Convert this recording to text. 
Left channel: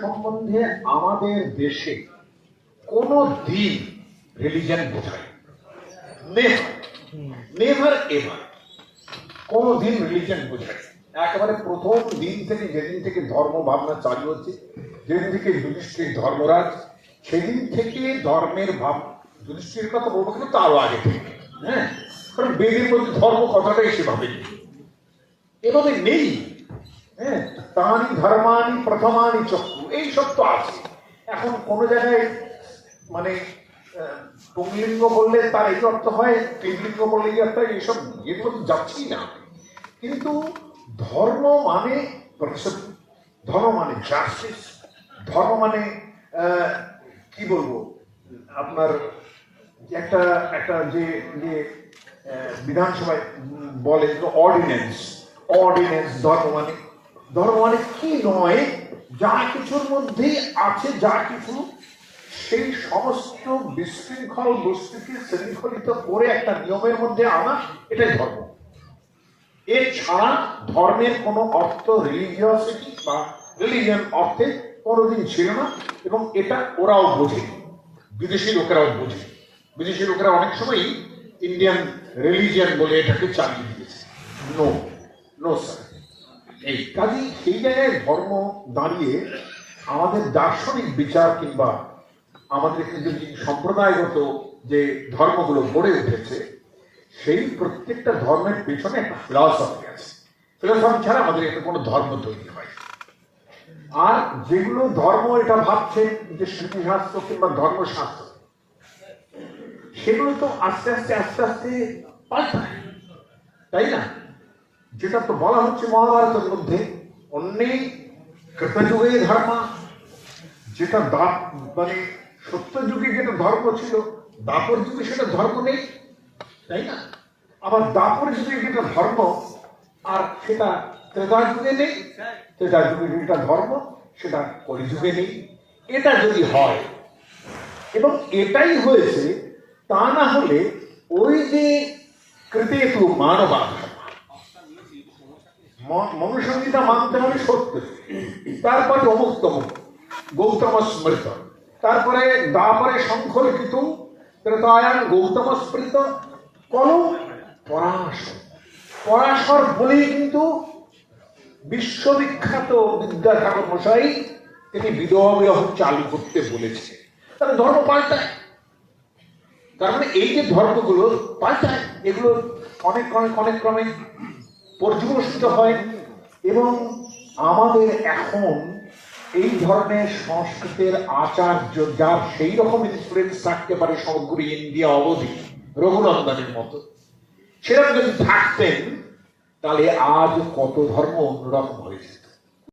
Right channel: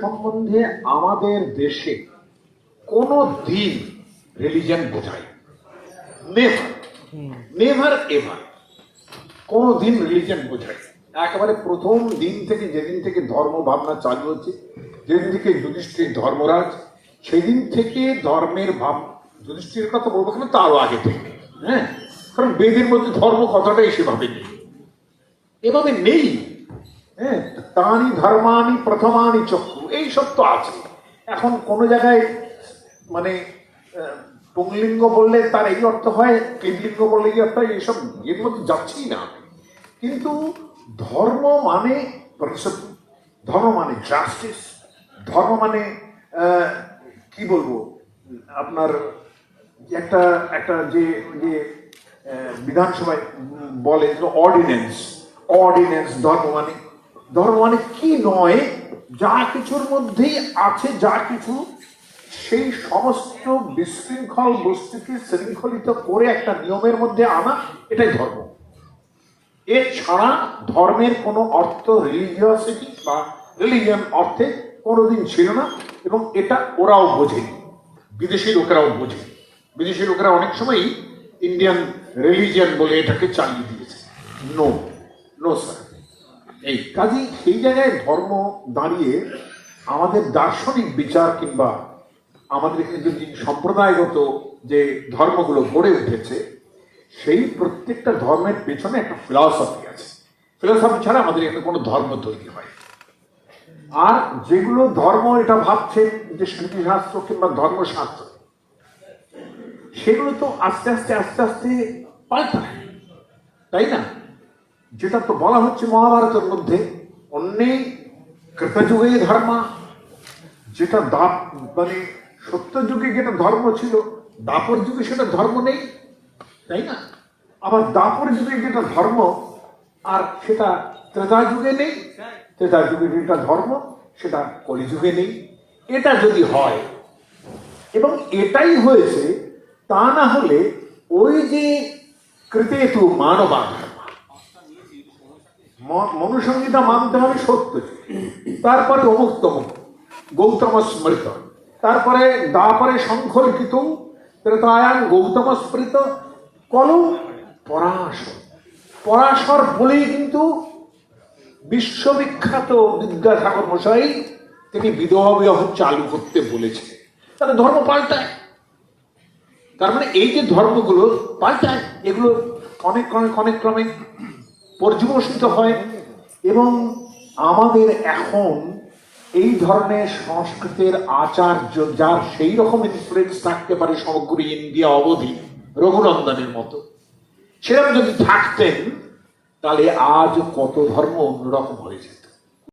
সম্বন্ধে আমাদের দেশে কোনো দিন রিলিজন বোঝায় নেভার নেভার এভার কোনো দিন রিলিজন বোঝায় একেবারে প্রথম দিন থেকে, যেদিন থেকে ধর্ম ভাবনা চালু হচ্ছে, যেদিন থেকে যুধিষ্ঠির ধর্মরাজ, সেদিন থেকে ধর্মের ভাব যুধিষ্ঠির কথা বলব কিন্তু তারও আগে থেকে। হ্যাঁ? কারণ বেদের মধ্যে ধর্ম কথাটাই সেভাবে নেই। এভাবে নেই। হ্যাঁ তানি ধর্মানি প্রথমানি চক্ষু এই তো আছে। এখন কোনো জায়গায় মানে পুংলিঙ্গ বললে তার এই অর্থ হয় তিনলিঙ্গ বললে এই অর্থ হয় এইসব এর মধ্যে যাচ্ছেই না। কিন্তু ধর্ম মানে principle, ধর্ম মানে জাস্টিস ধর্ম মানে কি বলব আপনার একটা একটা যে যে বিধানসভায় বলে অর্ডিন্যান্স অর্ডিন্যান্স ধর্ম মানে ধর্ম মানে কি নয়, যা কিছুর মধ্যেই আছে, যা কিছু, সেই সমস্ত বিশৃঙ্খল বস্তুকে শৃঙ্খলিত করে একটা নিয়মের মধ্যে আনা, এটাই ধর্ম। এছাড়া ধর্মের কোনো অর্থ রিলিজিয়াসিটি বা রিলিজিয়ান অর্থে কোনোদিন ছিল না, এবং এটা ওরাও বোঝে। বিদেশি লোকেরাও বোঝে। বিদেশি লোকেরা অনেক সময়ই ইন্ডিয়ান রিলিজিয়ান বলে এটাকে চালিয়ে দিয়েছে। নো এই সেই জায়গায় ধর্ম দাঁড়িয়ে আমাদের দার্শনিক বিচার কিংবা আমাদের এখানে যে সম্প্রদায়গত যে ধর্মগুলো গড়ে উঠেছে, সেই প্রত্যেকটা ধর্মের পেছনে একটা ফিলসফি আছে। ফিলসফি ছাড়া আমাদের এখানে কোনো ধর্ম তৈরি হয় আর যেগুলো ধর্ম এটা ভাবছে যে স্মৃতিশাস্ত্র কিংবা ধর্মশাস্ত্র, সেগুলো তো আস্তে আস্তে আস্তে আস্তে পাল্টায়। তাই না? যেটা তো বলা হচ্ছে মহাভারতের মধ্যে, অন্যেই কৃতযুগেই ধর্মা। যেটা দাপ মানে সত্য যুগে যেটা ধর্ম ছিল, দাপর যুগে সেটা ধর্ম নেই, তাই না? আবার দাপর যুগে যেটা ধর্ম, আর সেটা ত্রেতা যুগে নেই, ত্রেতা যুগে যেটা ধর্ম, সেটা কলিযুগে নেই। এটা যদি হয়, এবং এটাই হয়েছে, তা না হলে ওই যে কৃতেতু মানবা ম- মনুসংহিতা মানতে হবে সত্য। তারপরে অমুক্তম গৌতম স্মৃত তারপরে দাপরে সংখ্যলিখিত ত্রেতায়ান গৌতম স্মৃত কলু পরাশর। পরাশর বলেই কিন্তু বিশ্ববিখ্যাত বিদ্যাসাগর মশাই, তিনি বিধবা বিবাহ চালু করতে বলেছে তাহলে ধর্ম পাল্টায়। তার মানে এই যে ধর্মগুলো পাল্টায়, এগুলো অনেক অনেক অনেক ক্রমে পর্যবসিত হয় এবং আমাদের এখন এই ধরনের সংস্কৃতের আচার্য যার সেই রকম ইনফ্লুয়েন্স থাকতে পারে সমগ্র ইন্ডিয়া অবধি, রঘুনন্দনের মতো। সেরকম যদি থাকতেন, তাহলে আজ কত ধর্ম অন্যরকম হয়েছে।